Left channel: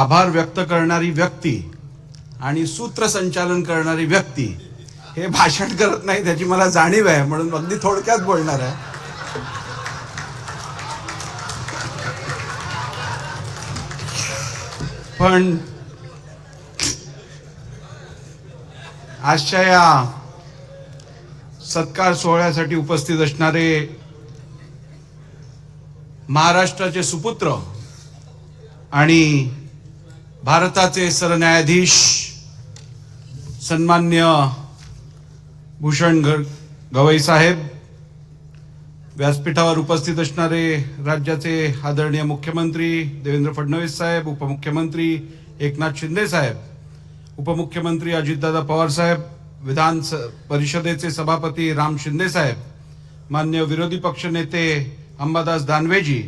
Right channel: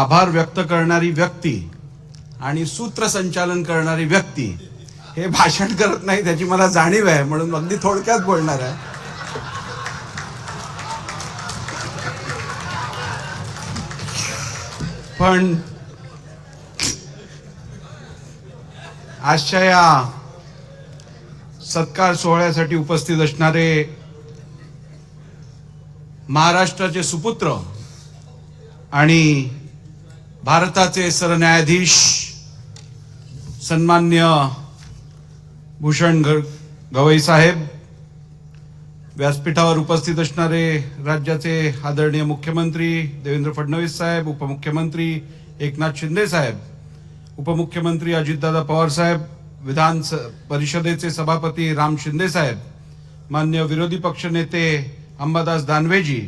आभार व्यक्त करणारी व्यक्ती आणि सूत्रसंचालन करणारी व्यक्ती हे भाषण करत नाही त्याची मला जाणीव आहे म्हणून अगदी थोडक्यात बोलणार आहे पण आजच्या या सत्कार सोहळ्यासाठी उपस्थित असणारे महाराष्ट्राचे सुपुत्र आणि भारताचे सरन्यायाधीश सन्मान्य भूषण गवई साहेब व्यासपीठावर उपस्थित असणारे राज्याचे आदरणीय मुख्यमंत्री देवेंद्र फडणवीस साहेब उपमुख्यमंत्री एकनाथ शिंदे साहेब उपमुख्यमंत्री अजितदादा पवार साहेब विधान परिषदेचे सभापती राम शिंदे साहेब मान्य विरोधी पक्षनेते अंबादास दानवेजी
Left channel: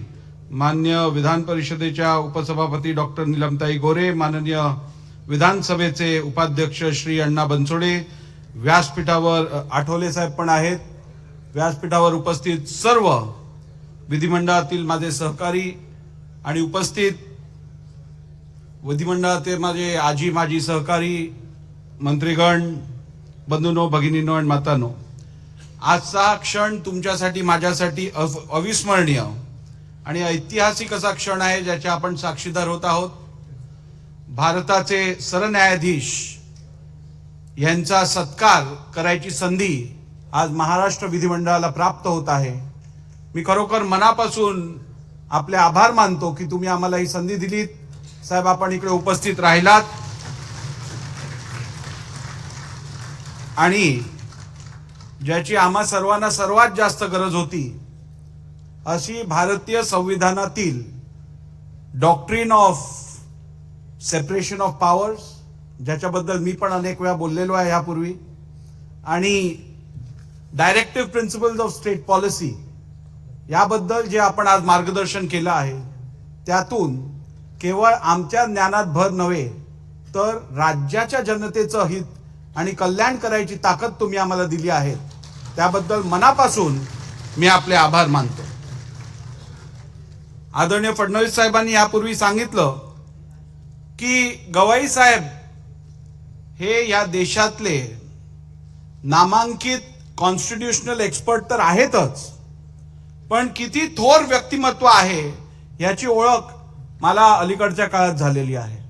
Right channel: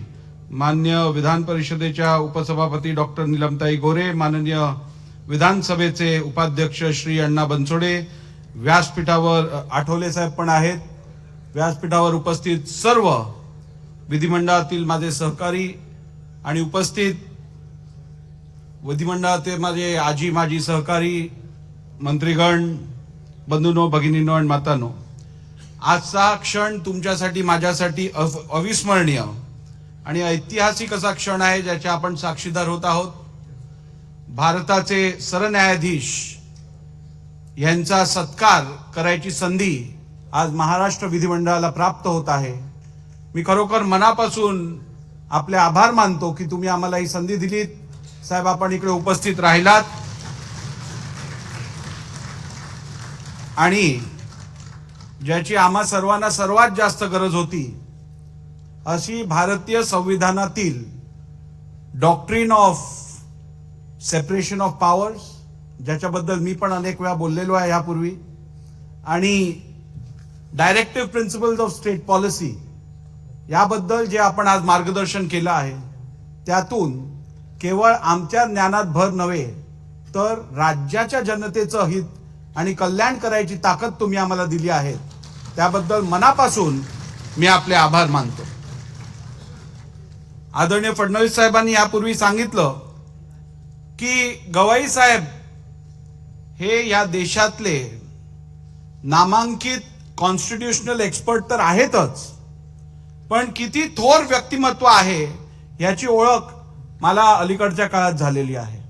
मान्य विधान परिषदेच्या उपसभापती डॉक्टर निलमताई गोरे माननीय विधानसभेचे उपाध्यक्ष श्री अण्णा बनसोडे व्यासपीठावर आठवले साहेब पण आहेत व्यासपीठावर उपस्थित सर्व विधिमंडळातील माझे सहकारी आणि उपस्थित विधिमंडळातील माझे आजी माजी सहकारी मंत्रीगण बंधूनो भगिनीनो आणि मातानो आजचा क्षण तुमच्यासाठी माझ्यासाठी अविस्मरणीय आणि ऐतिहासिक असा क्षण आहे ज्याच्या आपण साक्षीदार होत आहोत भारताचे सरन्यायाधीश यांचा सत्कार करायची संधी आज महाराष्ट्र विधिमंडळाला प्राप्त होत आहे मी खरोखर मनापासून आपले आभार मानतो की तुम्ही आम्हाला ही संधी दिलीत साहेब आपण इकडे उपस्थित राहिलात आणि ज्याची आम्हा सर्वांना सर्वात जास्त गरज होती अशी भारतीय संविधानातील doctrine of separation of powers ज्याच्याबद्दल मी पण अनेक वेळा बोललेलो आहे यापूर्वी आणि directive principles of state policy याबद्दल जे आपण आज मार्गदर्शन केलं आहे त्यातून केवळ आमच्या ज्ञानात भर नव्हे तर राज्याच्या जनतेचं हित आणि कल्याण करायची ताकद तुम्ही आम्हाला दिली आहे त्याबद्दल मनापासून मी आपले आभार मानतो आदरणीय फडणवीस साहेबांनी यापूर्वी सांगितलं की गवाई साहेब हे या देशातले नामांकित कॉन्स्टिट्युशनल एक्सपर्ट तर आहेतच पण किती थोर व्यक्तिमत्व आहे याची ओळख मला अलीकडच्या काळात झालेली आहे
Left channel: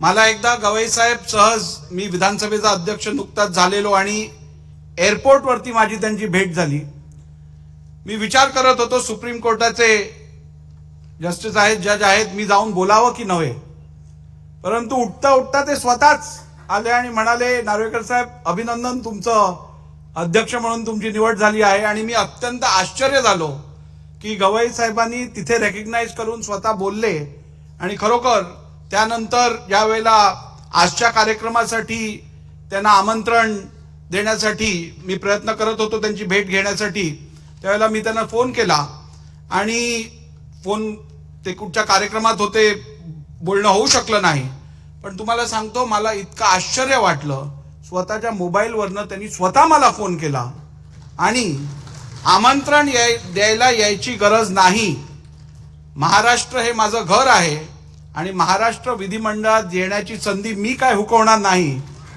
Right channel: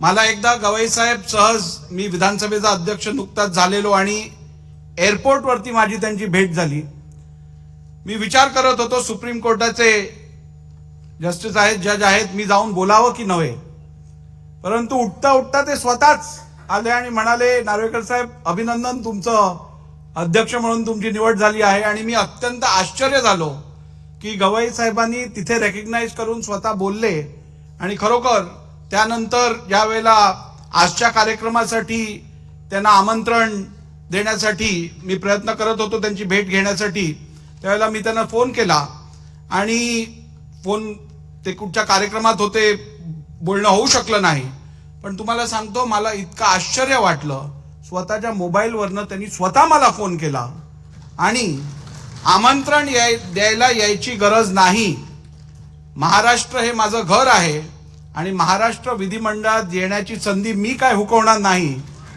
मला एकदा गवई साहेब सहज मी विधानसभेचा अध्यक्ष नुकताच झालेलो आणि एअरपोर्टवरती माझी त्यांची भेट झाली मी विचार करत होतो सुप्रीम कोर्टाचे जस्टिस आहेत जज आहेत मी जाऊन बोलावं की नव्हे परंतु उठता उठता ते स्वतःच आले आणि म्हणाले नार्वेकर साहेब अभिनंदन तुमचं अध्यक्ष म्हणून तुमची निवड झाली आहे आणि मी अत्यंत आश्चर्य झालो की गवई साहेबांनी तिथे रेकग्नाईज करून स्वतः बोलले आणि खरोखर त्यानंतर ज्या वेळेला आजच्या कार्यक्रमासाठी त्यांना आमंत्रण देण्यासाठी मी प्रयत्न करत होतो त्यांची भेट घेण्यासाठी त्यावेळेला मी त्यांना फोन केला आणि फोन ते कुठच्या कार्यक्रमात होते बोलणं होऊ शकलं नाही पण तुम्हाला सांगतो मला इतकं आश्चर्य वाटलं स्वतःच्या मोबाईलवरनं त्यांनी स्वतः मला फोन केला आणि आमंत्रण याय द्यायला यायची गरज नाही महाराष्ट्र हे माझं घर आहे आणि महाराष्ट्र विधिमंडळात येण्याची संधी मी काय हुकवणार नाही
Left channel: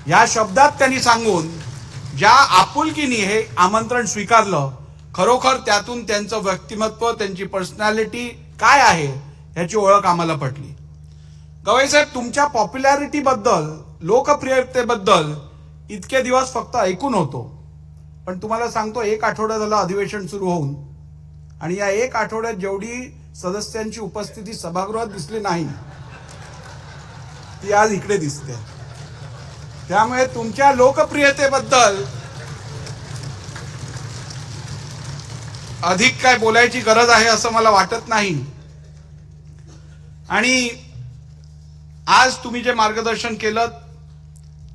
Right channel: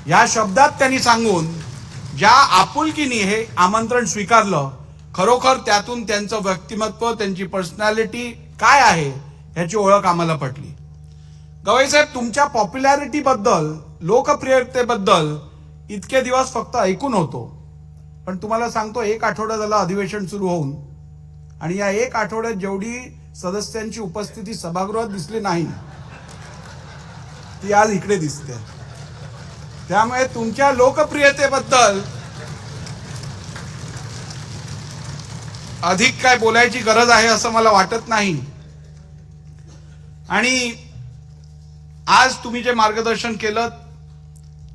या शब्दात त्यांनी सांगून ज्या आपुलकीने हे आमंत्रण स्वीकारलं खरोखर त्यातून त्यांचं व्यक्तिमत्व त्यांची पर्सनॅलिटी काय आहे ह्याची ओळख आम्हाला पटली गवई साहेब तुमच्या पॉप्युलॅरिटीबद्दल लोकप्रियतेबद्दल इतके दिवस फक्त ऐकून होतो पण तुम्हाला सांगतो एक आठवडा झाला अधिवेशन सुरू होऊन आणि या एक आठवड्यात जेवढी सदस्यांची उपस्थिती सभागृहात दिसली नाही ती आज इकडे दिसते त्यामुळे तुमच्या लोकप्रियतेबद्दल अधिक काय बोलायची गरज आहे असं मला वाटत नाही आणि आज तुम्ही जे मार्गदर्शन केलं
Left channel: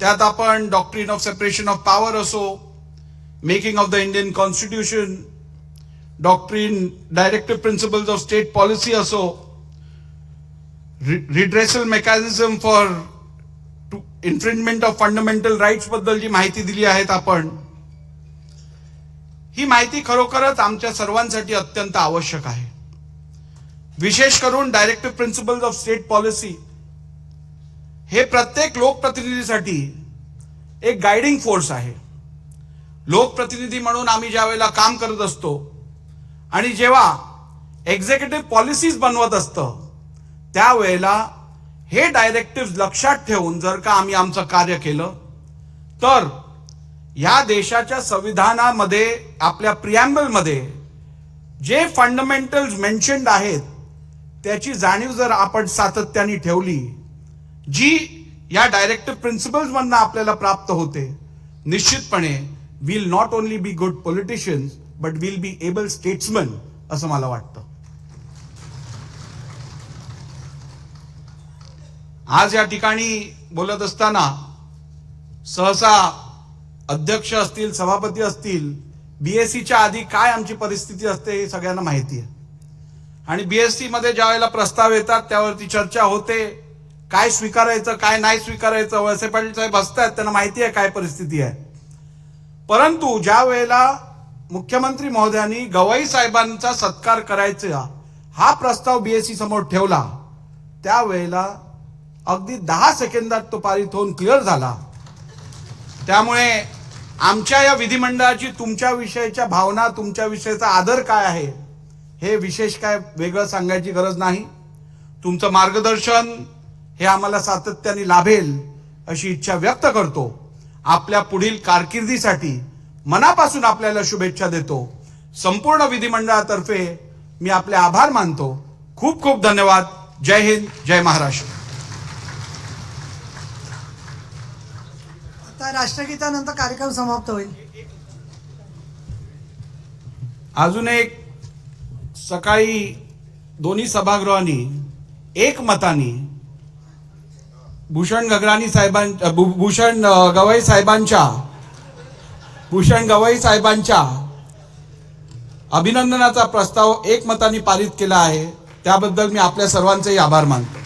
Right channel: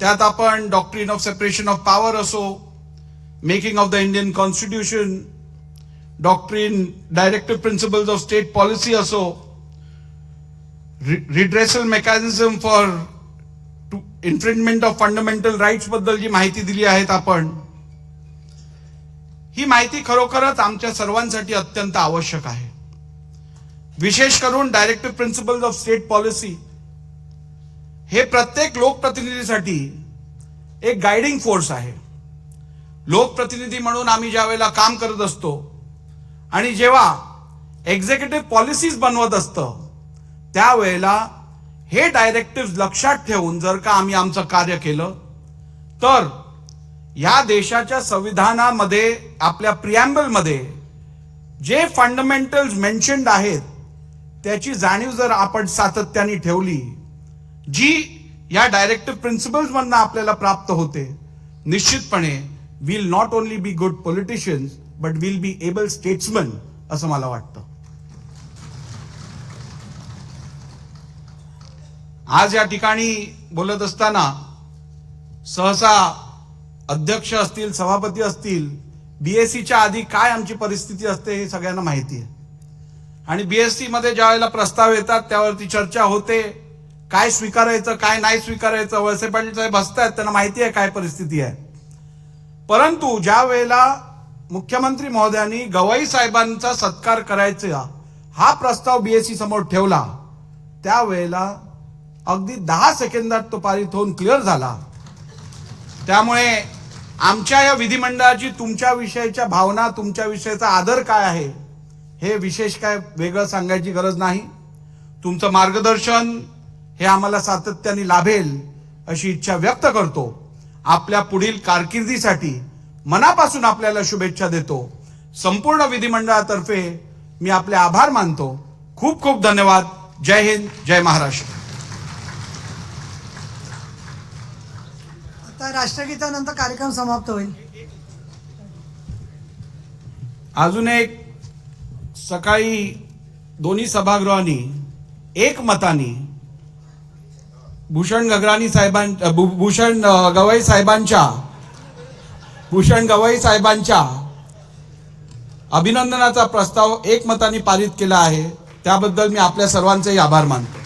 त्यात आपण doctrine of separation of power असो making of the Indian constitution doctrine directive principles of state policy असो redressal mechanism for to infringement of fundamental राईट्सबद्दल जी माहिती दिली आहेत आपण ही माहिती खरोखरच आमच्या सर्वांसाठी अत्यंत आवश्यक आहे विशेष करून directive principles of state policy हे प्रत्येक लोकप्रतिनिधीसाठी एक गायडिंग फोर्स आहे लोकप्रतिनिधी म्हणून आम्ही ज्या वेळेला काम करत असतो आणि जेव्हा एक्झिक्युटिव्ह पॉलिसीज बनवत असतं त्यावेळेला हे डायरेक्टिव्ह लक्षात ठेवून जर का आम्ही आमचं कार्य केलं तर ह्या देशाच्या संविधानामध्ये आपल्या मध्ये जे फंडमेंटल्स मेन्शन्ड आहेत त्याची जाणीव जर आपण सातत्याने ठेवली जी या डायरेक्टिव्ह मधनं आपल्याला प्राप्त होते निश्चितपणे will not only be good politicians but will be able statesman असं मला वाटतं आज या ठिकाणी बोलत असताना सहसा अध्यक्ष असतील सभापती असतील सीच्या आधी काय आमची परिस्थिती असते हे सगळ्यांना माहिती आहे आणि बीएससी मध्ये ज्या वेळेला प्रस्ताव येतात त्यावरती चर्चा होते काय स्वीकारायचं काय नाही स्वीकारायचं वळसे पाटील साहेब असतात त्यांना माहिती आहे काय परिस्थिती आहे परंतु ज्या वेळेला मुख्यमंत्री महोदयांनी गवाई साहेबांचा सत्कार करायचा हा प्रस्ताव बीएससी समोर ठेवला त्यावेळेला अगदी दहा सेकंदात तो पारित होऊन क्लिअर झाला त्यामुळे आमच्या या विधिमंडळाची तुमच्या विषयीच्या भावना तुमच्या तुमच्याविषयीचा आदर काय आहे हे विशेष काय वेगळं सांगायची गरज नाही तुमचं मार्गदर्शन हे आम्हाला सातत्याने लाभेल अशी इच्छा व्यक्त करतो आपल्या पुढील कारकिर्दीसाठी मनापासून आपल्याला शुभेच्छा देतो संपूर्ण विधिमंडळातर्फे मी आपले आभार मानतो खूप खूप धन्यवाद जय हिंद जय महाराष्ट्र आता राष्ट्रगीतानंतर कार्यक्रम समाप्त होईल अजून एक सकाळी दोन्ही सभागृहांनी एक मतानी भूषण गगराणी साहेबां भूषण गवई साहेबांच्या भूषण गवई साहेबांच्या अभिनंदनाचा प्रस्ताव एकमताने पारित केला आहे त्याबद्दल मी आपल्या सर्वांचेही आभार मानतो